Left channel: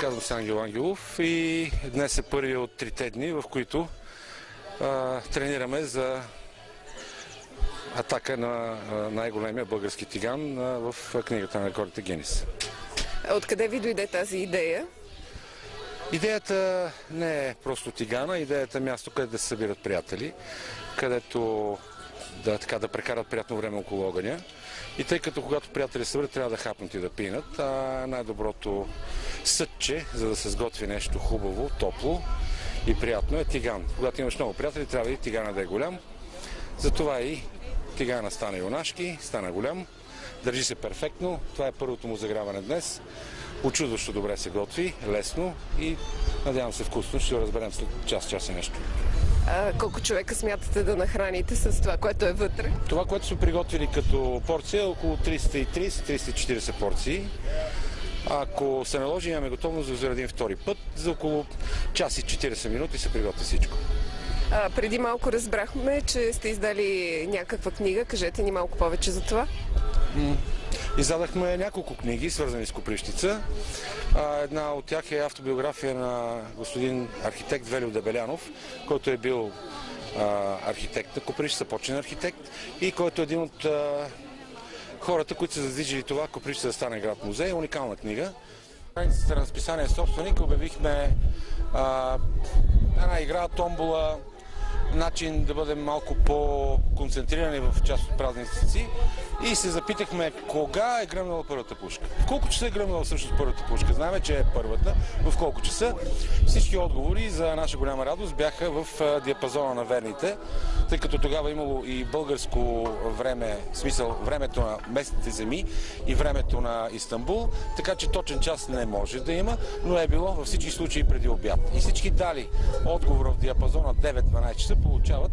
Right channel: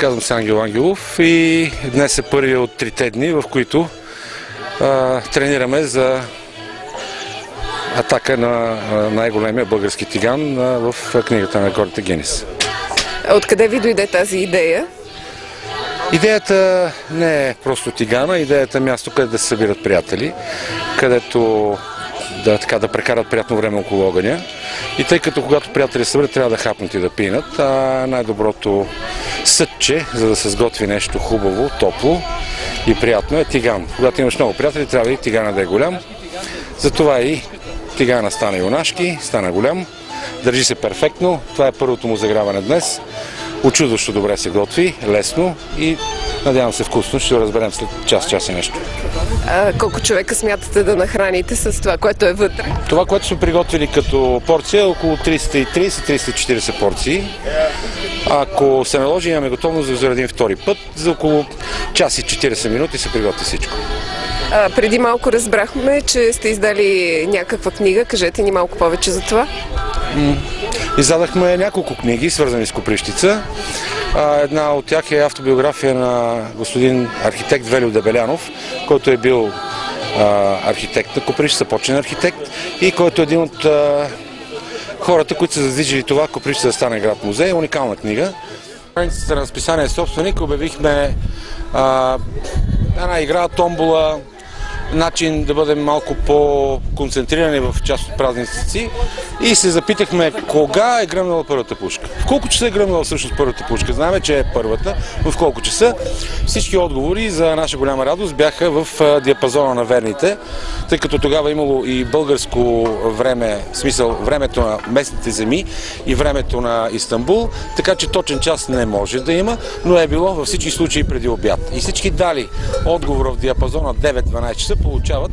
Казвам се Ангел Ангелов и днес е първи от 3 дни, в които тренираме за атака на най-големия български тиган в книгата на рекордите Гинес. Откъде ви дойде тази идея? Идеята не е просто тигана, идеята е място, където да се събират приятели, където да прекарат приятно време около огъня. И тъй като когато приятели се съберат, трябва да хапнат и да пинат, най-доброто съдче, за да се сготви нещо хубаво, топло и приятно, е тиган. Когато имаш много приятели, трябва и тигана да е голям. Затова и тигана стана юнашки, стана голям, държи се перфектно. Това е първото му заграване днес. Учудващо добре се готви, лесно и надявам се вкусно. Ще го разберем след час и нещо. Колко човека смятате да нахраните с това, което е вътре? Това, което сме приготвили като порция, е около 330-340 порции. Ако се наложи, имаме готовност да заредим втори път. За около час и 40 минути се приготви всичко. Преди малко разбрахме, че сте издали някаква книга. Кажете ни малко повече за това. Издадахме няколко книги, свързани с Копривщица. Една от тях е автобиография на господин архитект Велю Дебелянов, който е бил архитект на Копривщица, почен архитект и който е един от хората, които са задвижили това Копривщица да стане град-музей. Уникална книга. На разписание собственик обявихме една игра, томбола, начин да бъдем малко по-концентрирани в част от празници и се запитахме кога е гръмнала първата пушка. В колко часа е гръмнала всъщност първата пушка? Знаем, че е първата, но в колко часа? Всички отговори за наша голяма радост бяха в диапазона на верните, тъй като тогава имало и българско време, в смисъл времето на местните земи и времето на Истанбул, така че точен час не може да има, но е било във всички случаи преди обяд. И всички дали отговора в диапазона 9-12 часа получават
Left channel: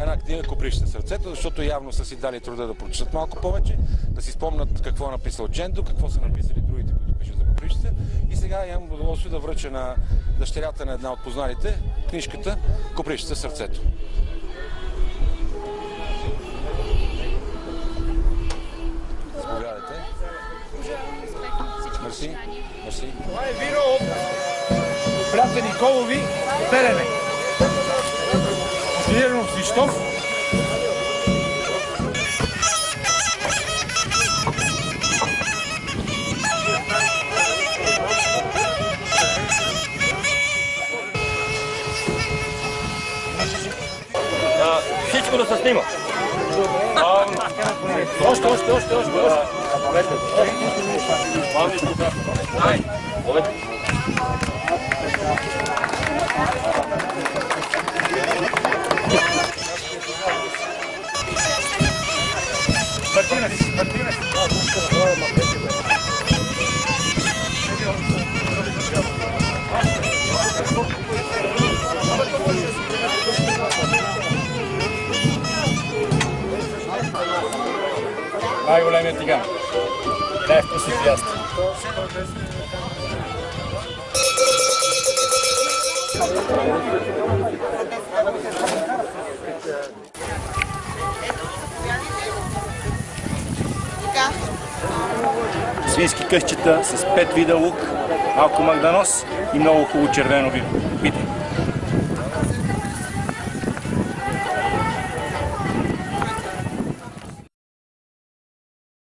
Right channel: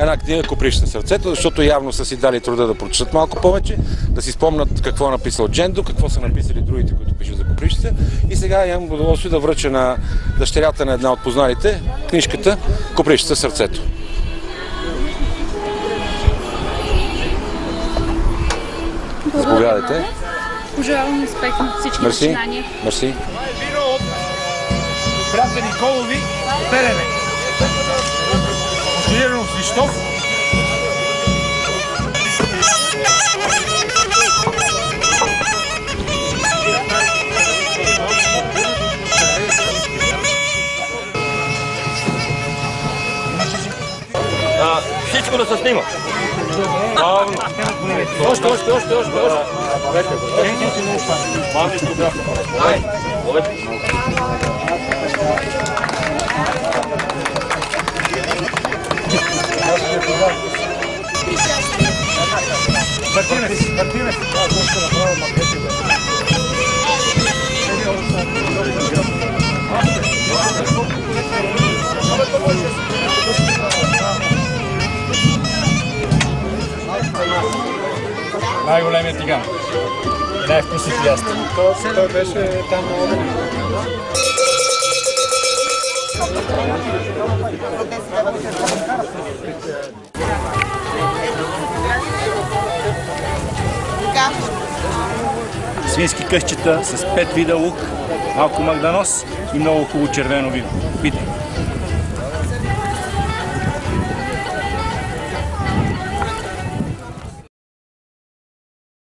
една книга Копривщина сърцето, защото явно са си дали труда да прочитат малко повече, да си спомнят какво е написал Джендо, какво са написали другите, които пишат за Копривщица. И сега имам удоволствие да връча на дъщерята на една от познарите книжката Копривщина сърцето. Заповядайте. Пожелавам успех на всички начинания. Мерси. Това е вино от Братя Николови, Белене. Бутилирано с Свищов. Всичко да се снима. Още. Мартинес. Най-големият тиган. И най-вкусният яст. Той беше там. Свински късчета с 5 вида лук, малко магданоз и много хубаво червено вино. Питай!